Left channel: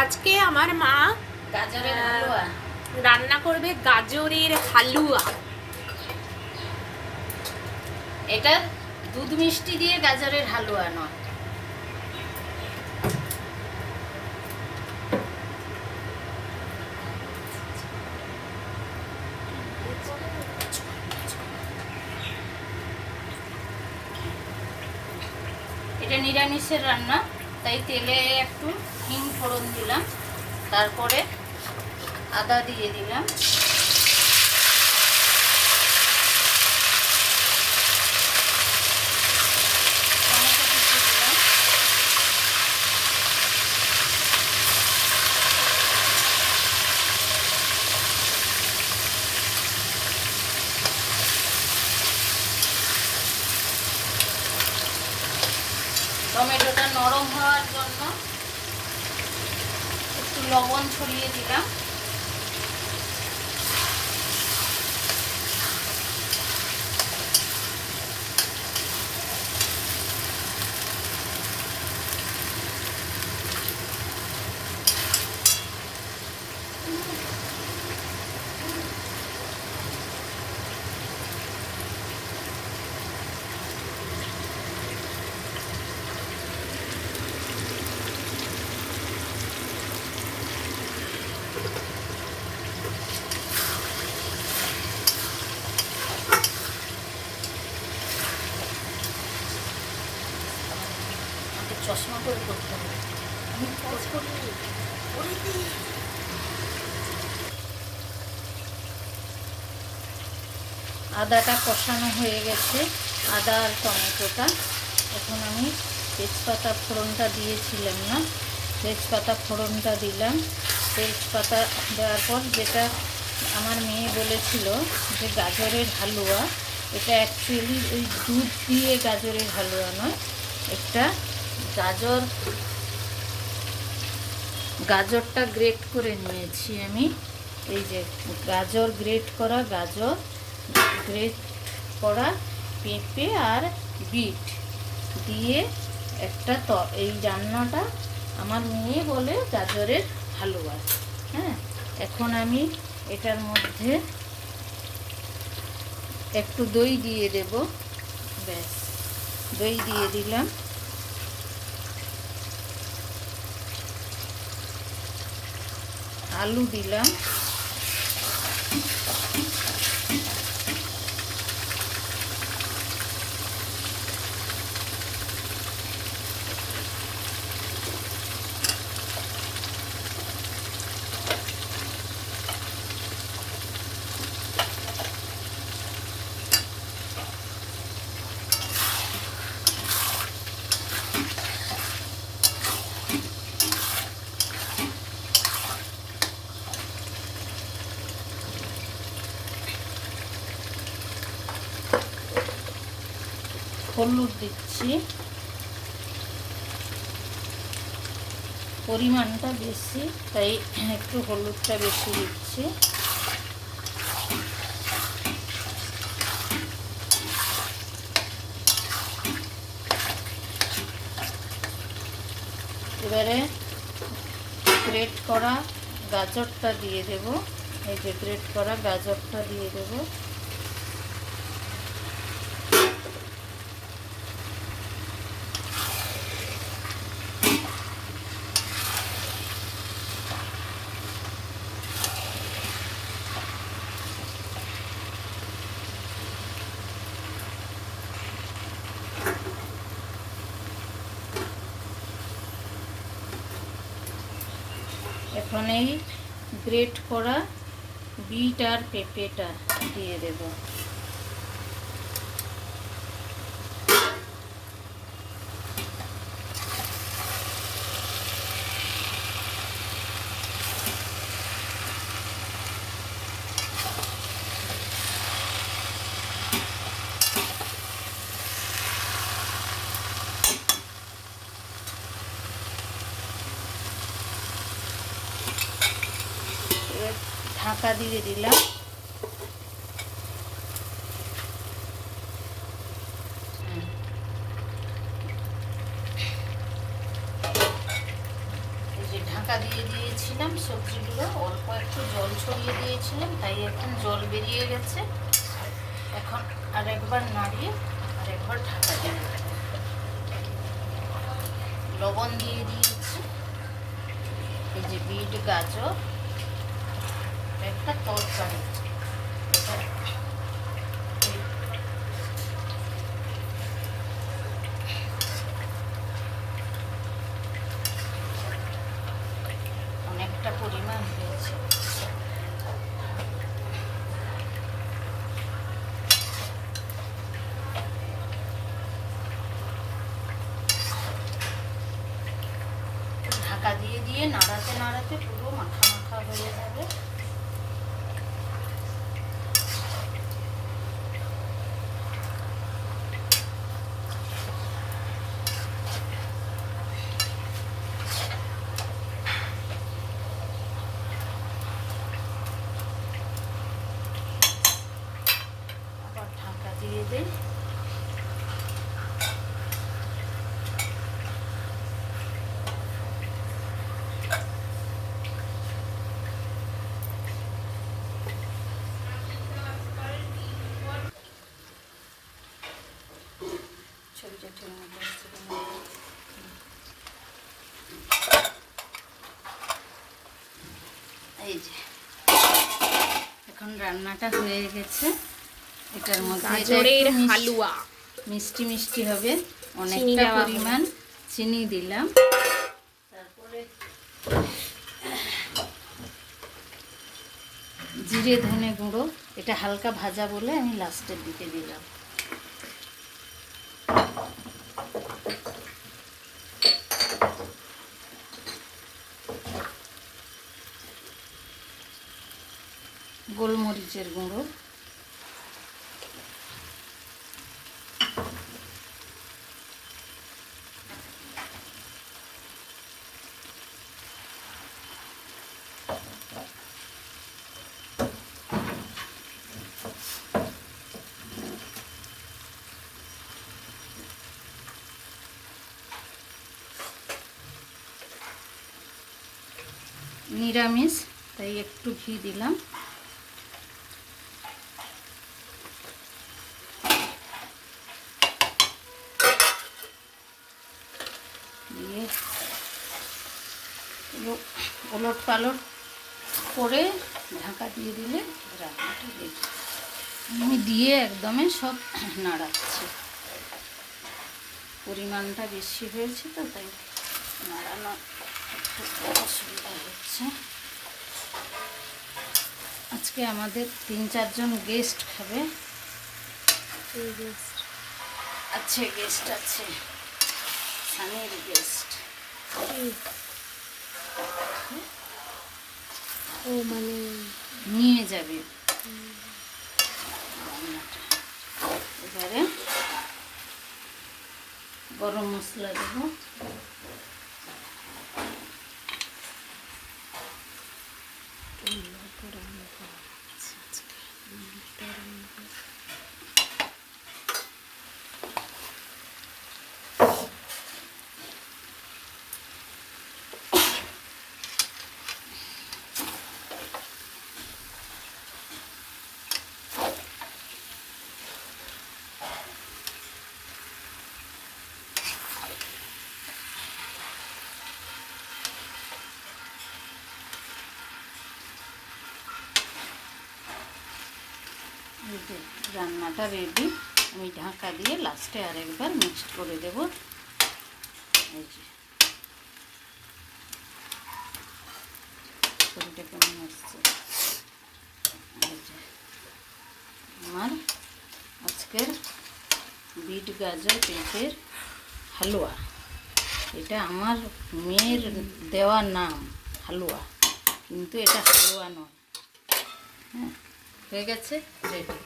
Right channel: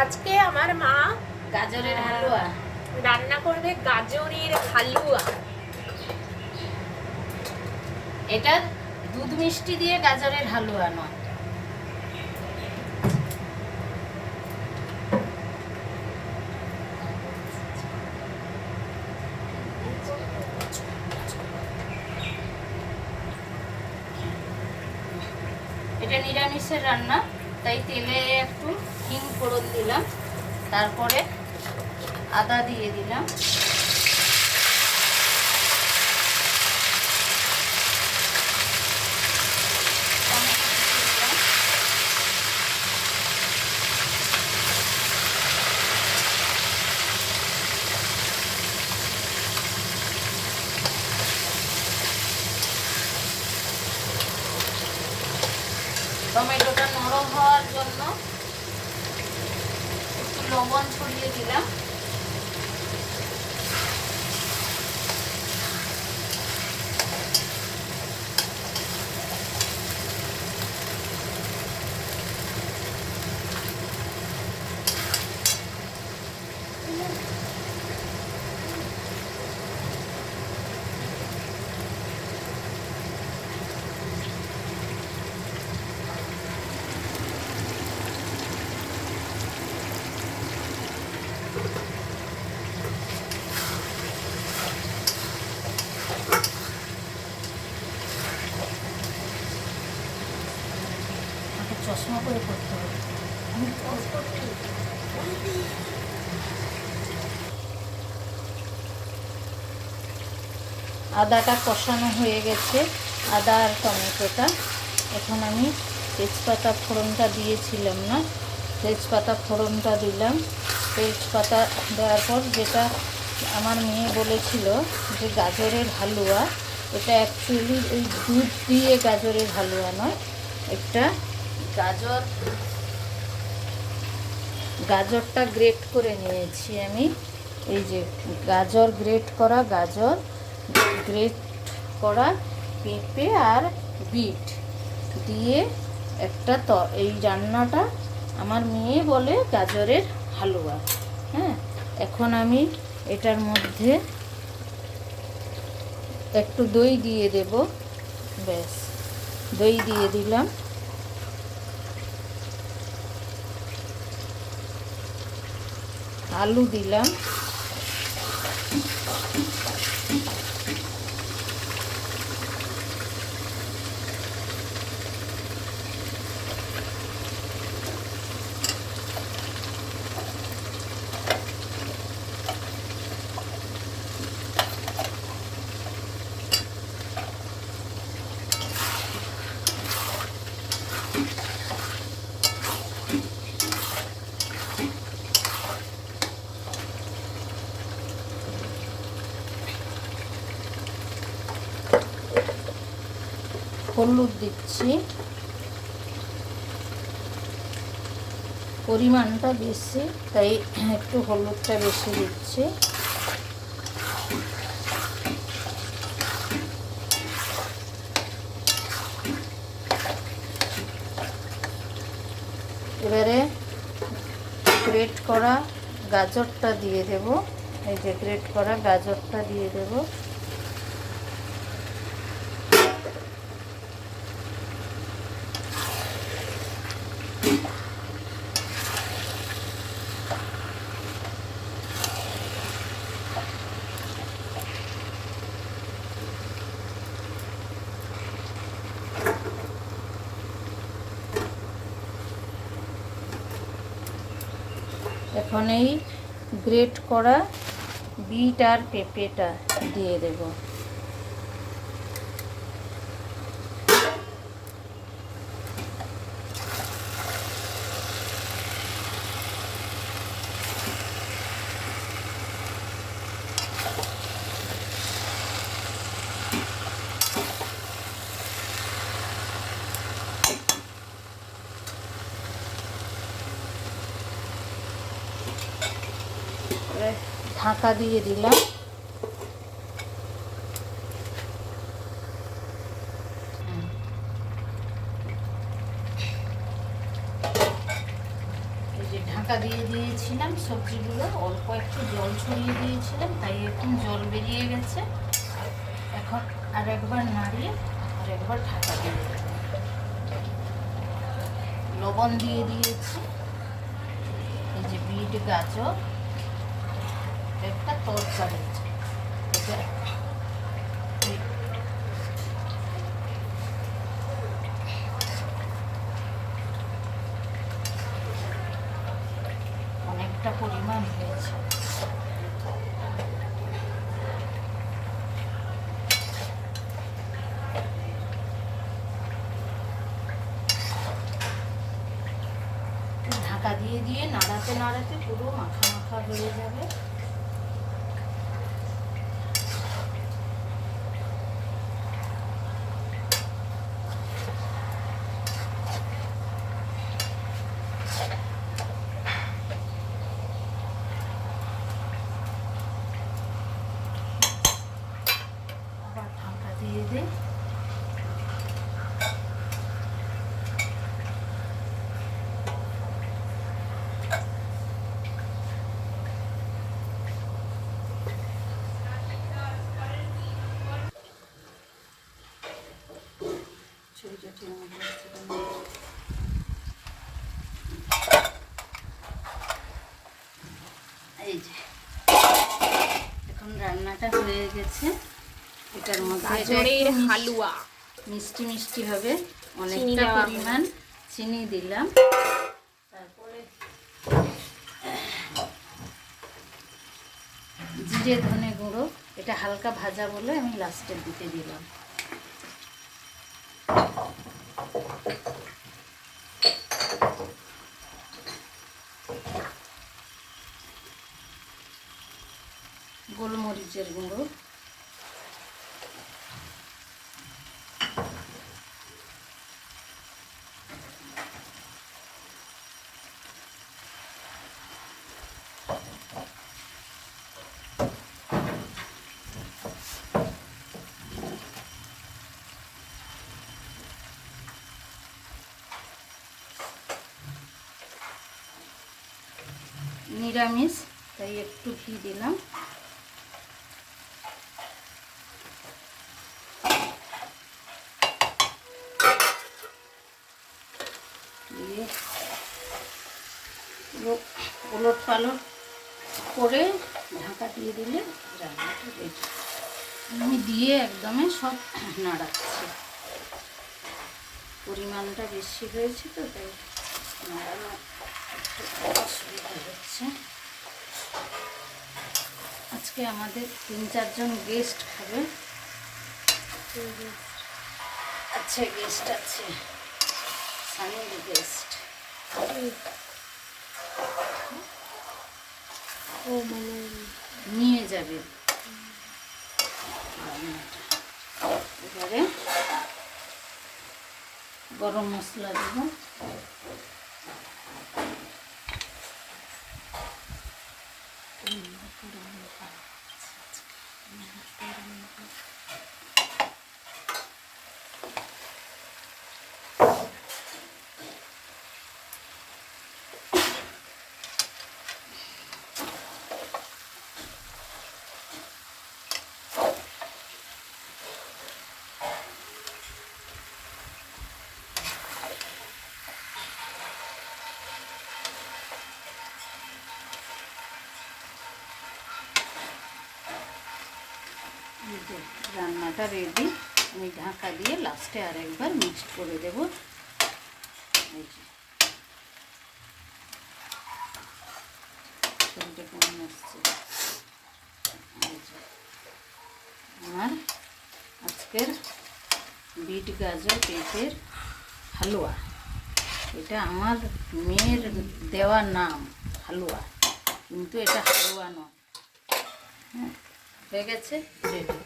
আজকে আমার মা গাজরের হালুয়া রান্না করবে, গাজরের হালুয়া। এটা দুধ মিষ্টি দিয়ে গাজরের হালুয়া নয়। এটা নিরামিষের রান্না, তাই তেলে একটু হিং ফোড়ন দিলাম, তারপরে আদা দিয়ে দিলাম, টমেটোটা নরম হওয়ার জন্য একটু লবণ ছড়িয়ে দিলাম। চশমা করে করতে হবে। আদাটা কষানো হয়ে গেছে, আদা আর টমেটোটা। এখন আমি তেজপাতা ফোড়নটা দিয়েছিলাম না, তেজপাতা ফোড়নটা দিলাম। তেজপাতা দেওয়ার পর যেটা আমার মেয়ে বলেছিল যে গাজরের হালুয়া, এটা অ্যাকচুয়ালি ওই দুধ দিয়ে গাজরের হালুয়া নয়, একটা গাজরটা গ্রেট করে নিয়েছি আমি। এই যে গাজর গ্রেট করা, গাজর গ্রেট করা, পেঁপে আর বিট দিয়ে একটা এই রান্নাটা আমার মেয়ে বলে গাজরের হালুয়া। হ্যাঁ, এখন আমি এটার মধ্যে একটু দই দিয়ে দেব, ব্যাস দই দিয়ে দিলাম। আলু দিলাম, হলুদ দিচ্ছি, পরিমাণটা বেশি তাই একটু হলুদটা বেশি দিচ্ছি। এবারে গ্রেট করা গাজরটা দিয়ে দেব, এই যে গ্রেট করা গাজরটা দিয়ে দেব। এখন এই গ্রেট করা বিট আর পেঁপেটা দিয়ে দেব। ঢাকা দিয়ে দিলাম। ঢাকা দিয়ে দিয়েছিলাম, সবজিগুলো অল্প একটু জল ছড়িয়ে দিয়েছিলাম, তাই এখন জল বেরিয়ে গেছে। এখন আরেকবার নাড়িয়ে আরেকবার ঢাকা দিয়ে দেবো। লবণ দিয়ে দিয়েছি। এই যে বিট গাজর একটা তরকারি, এটা অনেকটা পরিমাণ হয়েছে। ঢাকা দিয়ে দিয়ে নাড়াতে নাড়াতে পুরো মাখা মাখা হয়ে যাবে। আবার ঢাকা দিয়ে দিই। এই যে এখন রান্নাটা হয়ে গেছে। এটার মধ্যে গাজরের হালুয়া মিষ্টি মিষ্টি হবে, চিনি অনেকটা দেওয়া পরিমাণ চিনি দিলাম। তারপরে জিরে ধনে গুঁড়ো, এটা হালকা ভাজা বলে আমি লাস্টের দিকে দিলাম। গোলমরিচের গুঁড়ো, নিরামিষ তাই একটু ঘি দিলাম। দিয়ে ওলট পালট করে ঢাকা দিয়ে দিলে রান্নাটা রেডি। আমি দিয়ে একদমই সব নাড়াচ্ছি। পরিমাণটা বেশি হয়েছে তো তাই নাড়ানো অসুবিধা হচ্ছে। আজকে আমাদের 3-4 জন গেস্ট খাবে। আচ্ছা গেস্ট আছে, সানির গেস্ট। নিয়ে যাবে। এবারে গরম মশলা দেবো। রান্নাটা রেডি। আমি ঢাকা দিয়ে লাস্টে আরেকবার মিক্সড করে দেব। এই যে ছবিটা কেমন আসছে। এই যে আমার আজকের বিট গাজর পেঁপের হালুয়া। এটা আমার মেয়ের দেওয়া নাম হালুয়া, কিন্তু এটা হালুয়া নয়। হয়ে গেছে রেডি।